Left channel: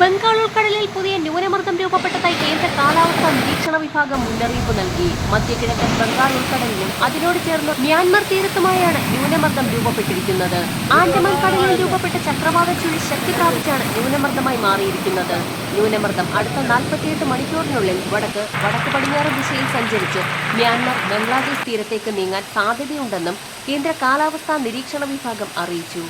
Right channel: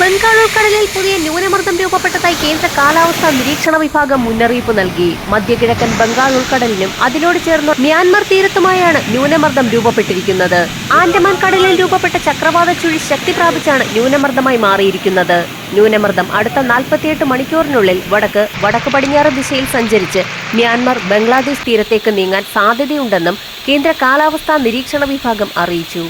ബംഗാൾ ഉൾക്കടലിൽ പുതിയ ന്യൂനമർദ്ദം രൂപപ്പെട്ടതായി കേന്ദ്ര കാലാവസ്ഥാ നിരീക്ഷണ വിഭാഗം മുന്നറിയിപ്പ് നൽകി. മധ്യകിഴക്കൻ ബംഗാൾ ഉൾക്കടലിലും അതിനോട് ചേർന്ന് മ്യാൻമർ തീരത്തുമായാണ് ന്യൂനമർദ്ദം രൂപപ്പെട്ടിരിക്കുന്നത്. ആൻഡമാൻ കടലിൽ രൂപപ്പെട്ട ചക്രവാത ചുഴി ശക്തി പ്രാപിച്ചാണ് ന്യൂനമർദ്ദമായി മാറിയിരിക്കുന്നത്. ന്യൂനമർദ്ദം അടുത്ത നാൽപ്പത്തിയെട്ട് മണിക്കൂറിനുള്ളിൽ വടക്ക് വടക്ക് പടിഞ്ഞാറ് ദിശയിൽ സഞ്ചരിച്ച് മ്യാൻമർ ബംഗ്ലാദേശ് തീരത്തേക്ക് നീങ്ങാൻ സാധ്യതയുണ്ടെന്നും കേന്ദ്ര കാലാവസ്ഥാ നിരീക്ഷണ വിഭാഗം അറിയിച്ചു.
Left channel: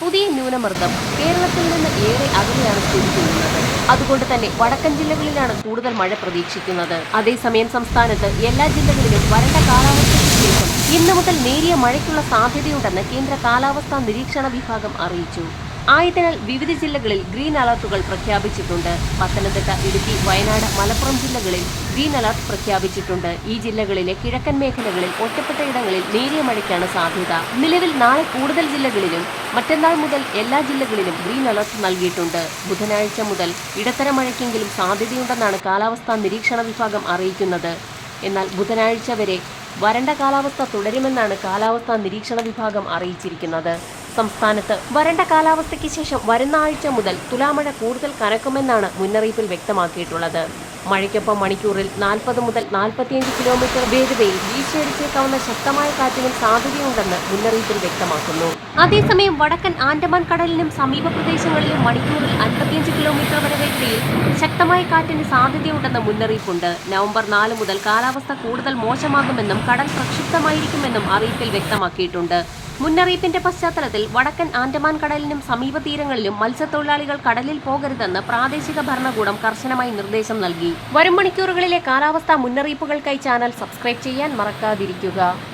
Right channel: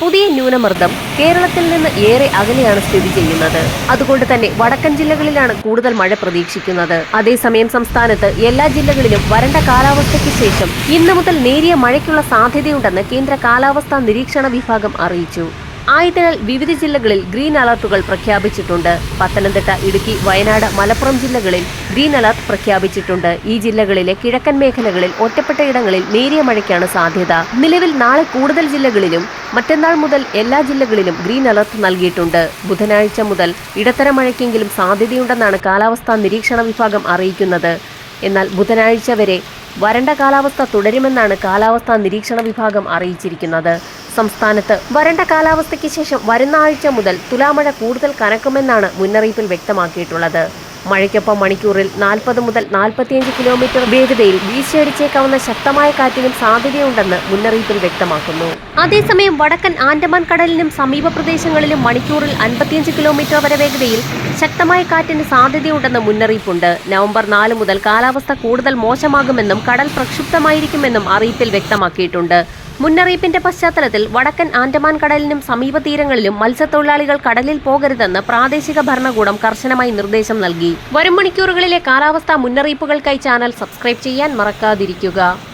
പുതിയ ന്യൂനമർദ്ദം കേരളത്തിൽ നിന്ന് ഏറെ അകലെയാണ് സ്ഥിതി ചെയ്യുന്നത്. അതുകൊണ്ട് തന്നെ വടക്കൻ ജില്ലകളിലാണ് കൂടുതൽ മഴ പ്രതീക്ഷിക്കുന്നത്. അതേസമയം സംസ്ഥാനത്ത് എല്ലാ ജില്ലകളിലും വരണ്ട കാലാവസ്ഥയ്ക്ക് ശേഷം ഇന്നു മുതൽ നേരിയ മഴയ്ക്കുള്ള സാധ്യതയുണ്ടെന്ന് കേന്ദ്ര കാലാവസ്ഥാ നിരീക്ഷണ വിഭാഗം അറിയിച്ചു. ആയതിനാൽ വിവിധ ജില്ലകളിൽ ഗ്രീൻ അലർട്ടുകൾ പ്രഖ്യാപിച്ചിട്ടുണ്ട്. പത്തനംതിട്ട ഇടുക്കി വയനാട് മലപ്പുറം ജില്ലകളിൽ ഗ്രീൻ അലർട്ട് പ്രഖ്യാപിച്ചിട്ടുണ്ട്. ഈ ജില്ലകളിലെ കിഴക്കൻ മേഖലകളിൽ ഒറ്റപ്പെട്ട ഇടങ്ങളിൽ നേരിയ മഴയ്ക്കാണ് സാധ്യത. നിലവിൽ നാളെ കൂടുതൽ ജില്ലകളിലും മറ്റന്നാൾ മുതൽ എല്ലാ ജില്ലകളിലും ഗ്രീൻ അലർട്ട് നൽകിയിട്ടുണ്ട്. ബുധനാഴ്ച മുതൽ ഇടത്തരം മഴയ്ക്കെങ്കിലും സാധ്യതയുണ്ടെന്നാണ് കാലാവസ്ഥാ നിരീക്ഷണ വിഭാഗം അറിയിക്കുന്നത്. എന്നാൽ ബുധനാഴ്ച വരെ വരണ്ട കാലാവസ്ഥ തുടരുമെന്നാണ് കാലാവസ്ഥാ നിരീക്ഷണ വിഭാഗം അറിയിച്ചിരിക്കുന്നത്. സംസ്ഥാനത്ത് വരണ്ട കാലാവസ്ഥയ്ക്ക് ശേഷം വരുന്ന ആഴ്ച മുതൽ തുലാമഴ കൂടുതൽ കനക്കുമെന്നാണ് മുന്നറിയിപ്പിൽ വ്യക്തമാക്കിയിട്ടുള്ളത്. മഴയ്ക്കൊപ്പം മണിക്കൂറിൽ നാൽപ്പത് മുതൽ നാൽപ്പത്തിയഞ്ച് കിലോമീറ്റർ വേഗതയിൽ വീശിയടിച്ചേക്കാവുന്ന ശക്തമായ കാറ്റിനും സാധ്യതയുണ്ടെന്ന് മുന്നറിയിപ്പിൽ വ്യക്തമാക്കുന്നു. അതേസമയം വടക്കൻ ആൻഡമാൻ കടലിനും സമീപ പ്രദേശങ്ങളിലും മണിക്കൂറിൽ അൻപത്തിയഞ്ച് കിലോമീറ്റർ വരെ വേഗതയിൽ ശക്തമായ കാറ്റിന് സാധ്യതയുണ്ടെന്ന് മുന്നറിയിപ്പുണ്ട്. നവംബർ നാല് മുതൽ കാലാവസ്ഥ കൂടുതൽ മോശമാകുമെന്നും കടൽ പ്രക്ഷുബ്ധമായിരിക്കുമെന്നും അറിയിപ്പിൽ വ്യക്തമാക്കിയിട്ടുണ്ട്. മുന്നറിയിപ്പിന്റെ പശ്ചാത്തലത്തിൽ വടക്കൻ ആൻഡമാൻ കടലിനും സമീപ തീരങ്ങളിലും മത്സ്യത്തൊഴിലാളികൾ കടലിൽ പോകരുതെന്ന് പ്രാദേശിക ഭരണകൂടം കർശനമായി നിർദ്ദേശം നൽകി. വരും മണിക്കൂറുകളിലെ കാലാവസ്ഥാ മുന്നറിയിപ്പുകൾക്കായി ചാനൽ സബ്സ്ക്രൈബ് ചെയ്യാൻ മറക്കാതിരിക്കുക.